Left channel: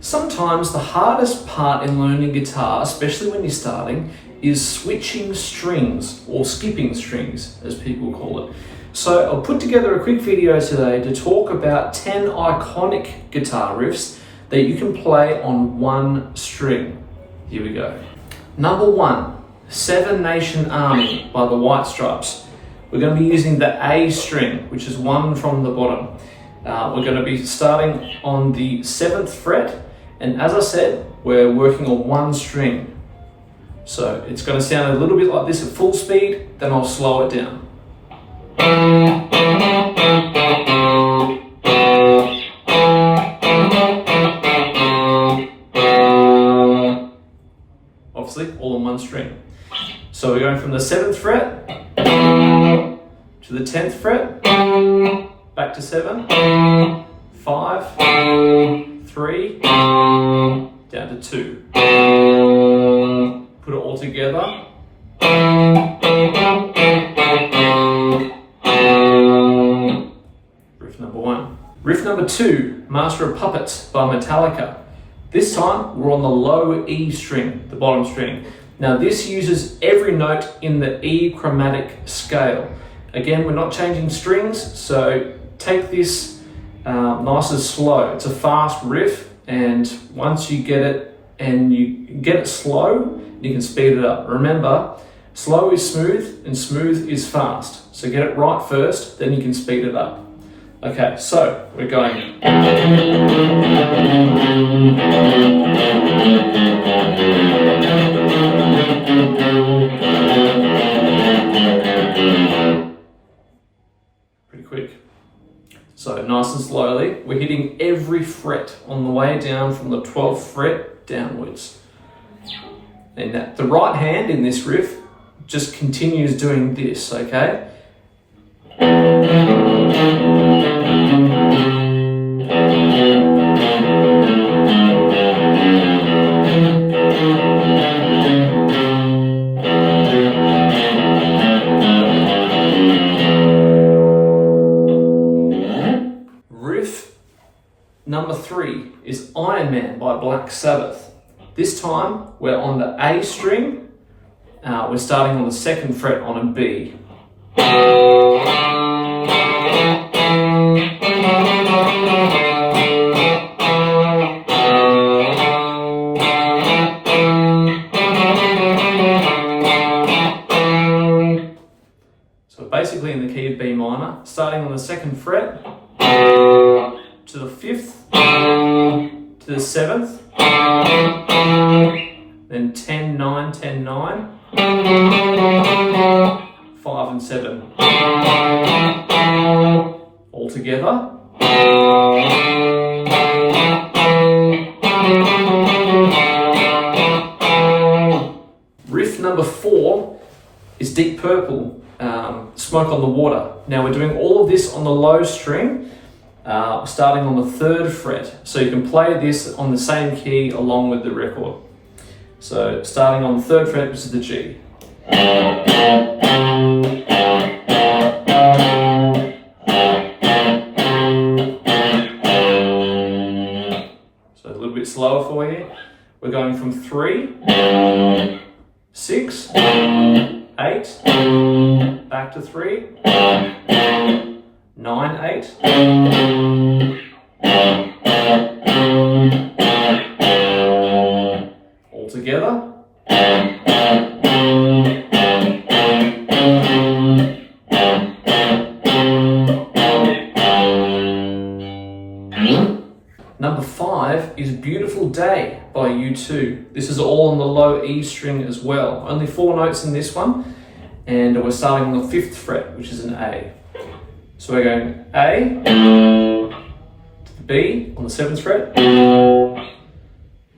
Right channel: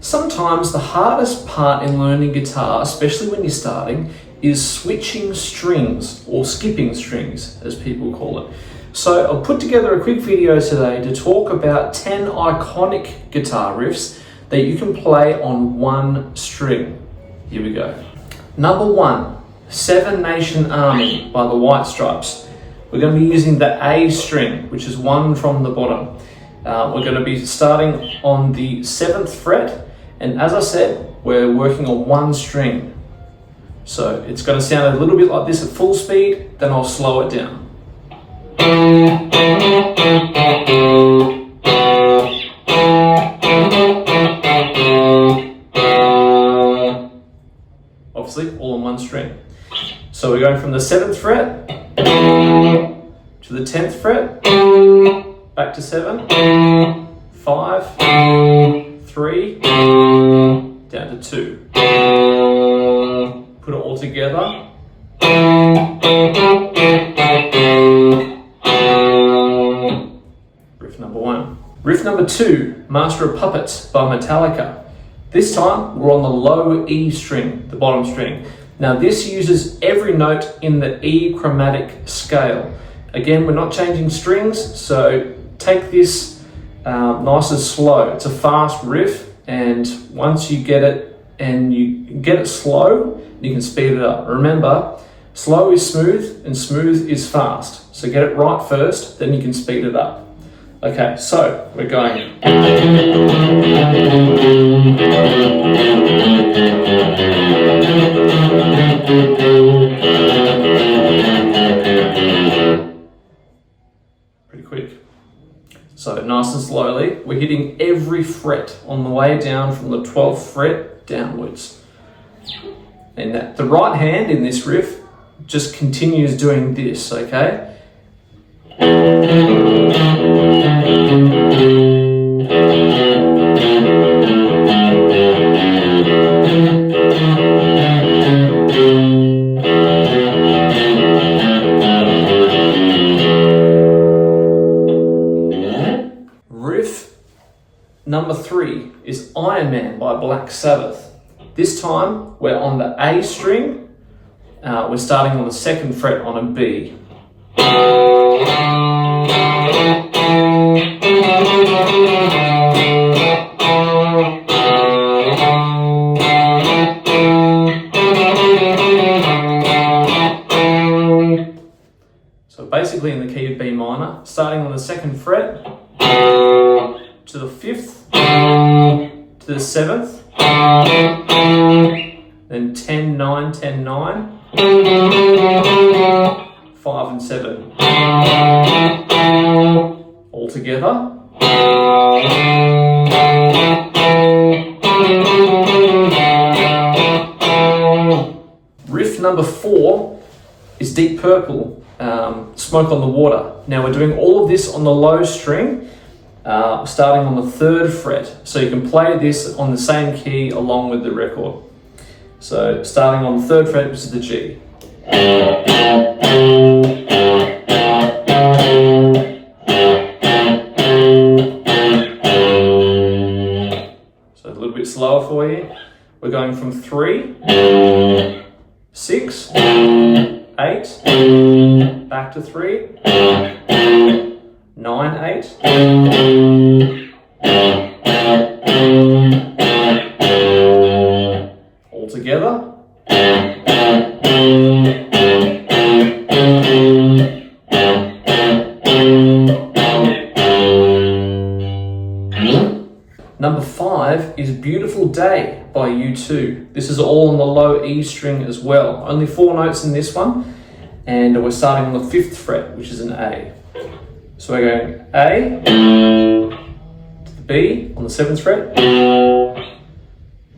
Sometimes the hardest part in learning guitar, especially when you're starting, is switching strings, or skipping strings as people call it. So I'll put together a quick video today to talk about 10 iconic guitar riffs that you can play on one string. Here we go. Number 1, Seven Nation Army by the White Stripes. We're going to be using the A string, which is 1 from the bottom. We're going to be starting on the 7th fret, and as I said, we're working on one string. So it's going to sound a little bit like this at full speed, then I'll slow it down. Obviously, all on one string. So we're going from the 7th fret to the 10th fret, back to 7, 5, 3, down to 2. Put it all together. Riff number 1. Riff number 2, Master of Puppets by Metallica. This time we're on the low E string, the bottom string. Now this uses every note in the E chromatic scale. Again, we're not changing strings, so take this nice and slow. It's a fast riff, and once you get it and you get it slow, you can speed it up. Remember, slow is smooth and smooth is fast. So get it right first, then you can speed it up. Okay, so we're going. Pretty quick. So nice and slowly, we're hitting every fret on the way down from the 12th fret downwards. And the right hand in this riff just continues doing this, okay? Riff number 3 is Iron Man by Black Sabbath. This time we're on the A string. We're starting on the 2nd fret on a B. So basically in the key of B minor, starting on the 2nd fret to the 5th, to the 7th, then 10, 9, 10, 9, 5 and 7. All together. Riff number 4 is Deep Purple, Smoke on the Water. Now we're doing all of this on the low string, starting on the 3rd fret. So you can play this on the same key along with the record. So starting on the 3rd fret, which is the G. So a little bit slower for you. We're going from 3, 6, 8, back to 3, 9, 8, all together. Number 5 is Beautiful Day by U2. This is all on the low E string as well. Only 4 notes in this one, and we're starting on the 5th fret, which is an A. So we're going A to the B on the 7th fret,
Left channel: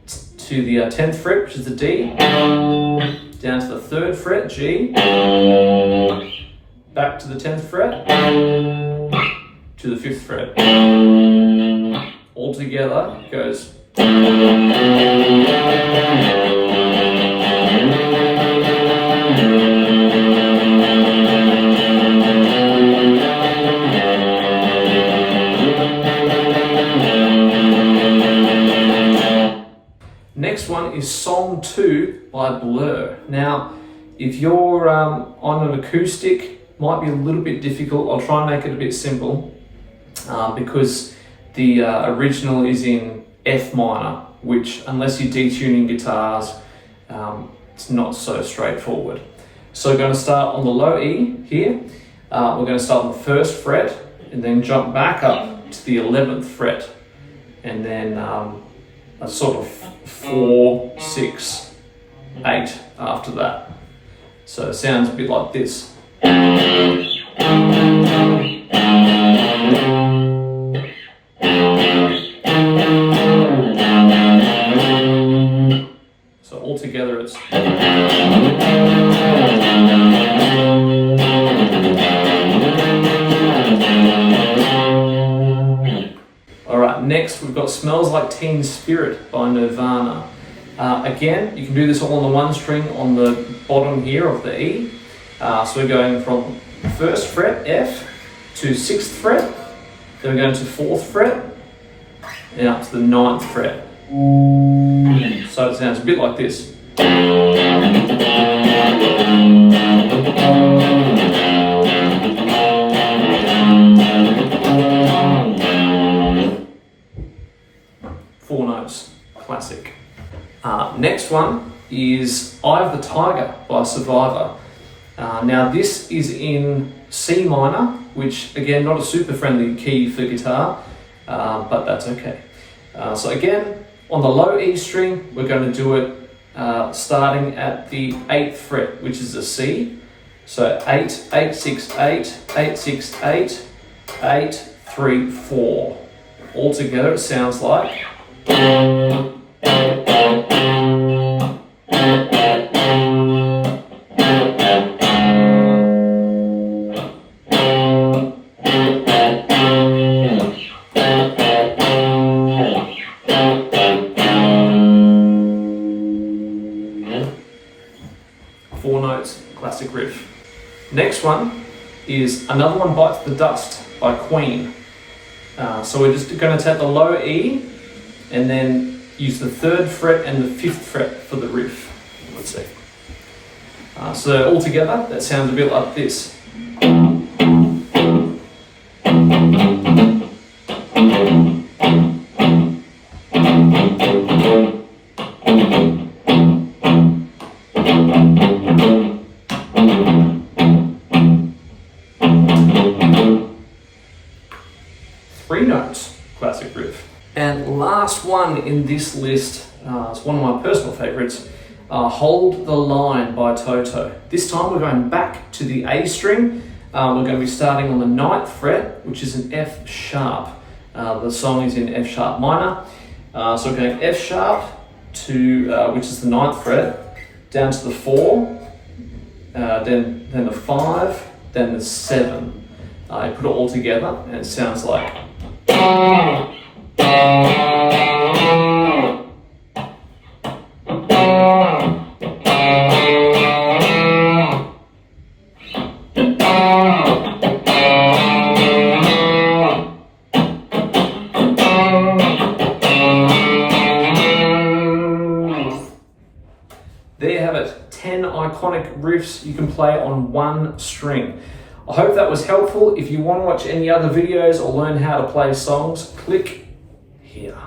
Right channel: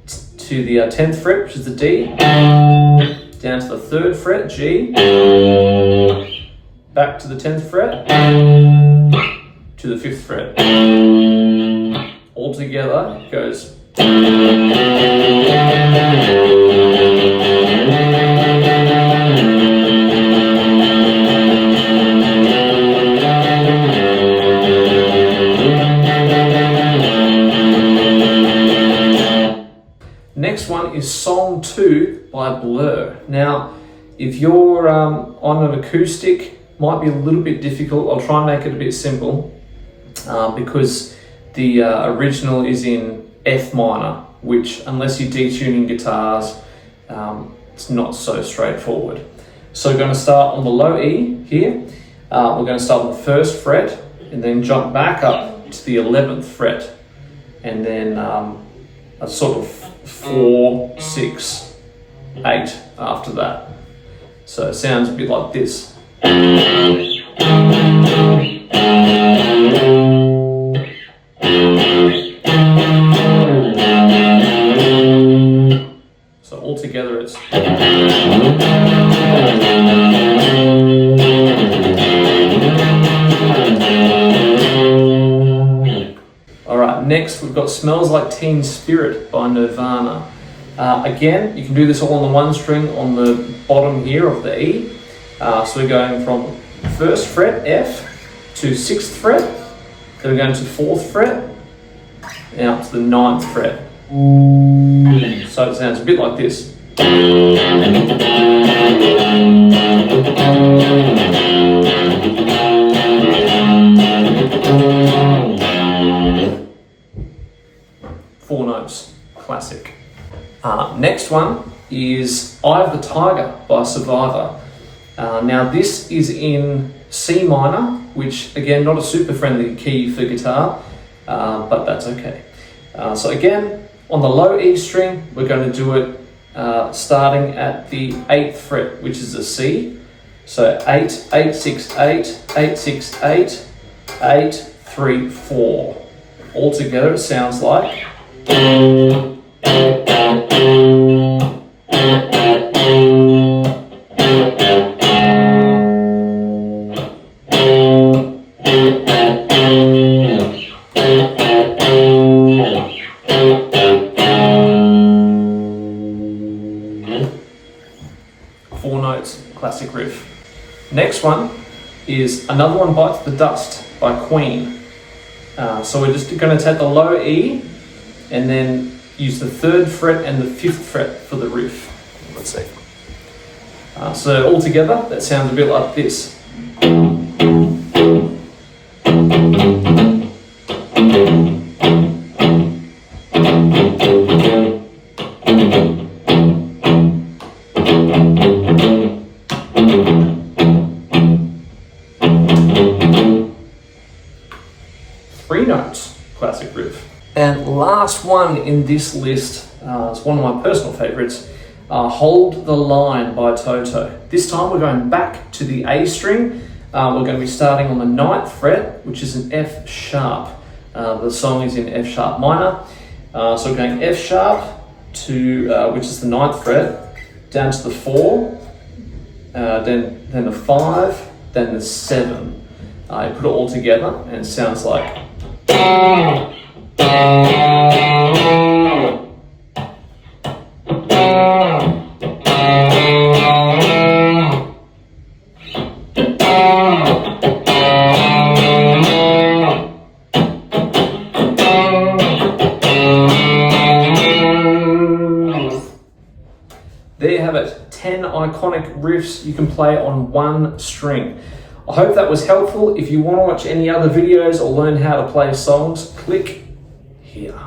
to the 10th fret, which is the D, down to the 3rd fret, G, back to the 10th fret, to the 5th fret. All together goes. Next one is Song 2 by Blur. Now, if you're on an acoustic, might be a little bit difficult. I'll try and make it a bit simple because the original is in F minor, which unless you're detuning guitars, it's not so straightforward. So we're going to start on the low E here. We're going to start on the 1st fret and then jump back up to the 11th fret, and then a sort of 4, 6, 8 after that. So it sounds a bit like this. So altogether it's Alright, next we've got Smells Like Teen Spirit by Nirvana. Again, you can do this all on the 1 string on the bottom here of the E. So we're going from 1st fret F to 6th fret, then we're going to 4th fret, and up to the 9th fret. So it sounds a bit like this. 4 notes, classic. Next one is Eye of the Tiger by Survivor. Now this is in C minor, which again, not a super friendly key for guitar, but that's okay. So again, on the low E string, we're going to do it starting at the 8th fret, which is a C. So 8, 8, 6, 8, 8, 6, 8, 8, 3, 4. Altogether it sounds like 4 notes, classic riff. Next one is Another One Bites the Dust by Queen. So we're just going to take the low E and then use the 3rd fret and the 5th fret for the riff. Let's see. So all together, that sounds a bit like this. 3 notes, classic riff. And last one in this list, it's one of my personal favorites, Hold the Line by Toto. This time we're going back to the A string. We're going to be starting on the 9th fret, which is an F sharp. The song is in F sharp minor. So we're going F sharp to, which is the 9th fret, down to the 4, then the 5, then the 7. You put it all together and it sounds like there you have it, 10 iconic riffs you can play on 1 string. I hope that was helpful. If you want to watch any other videos or learn how to play songs, click here.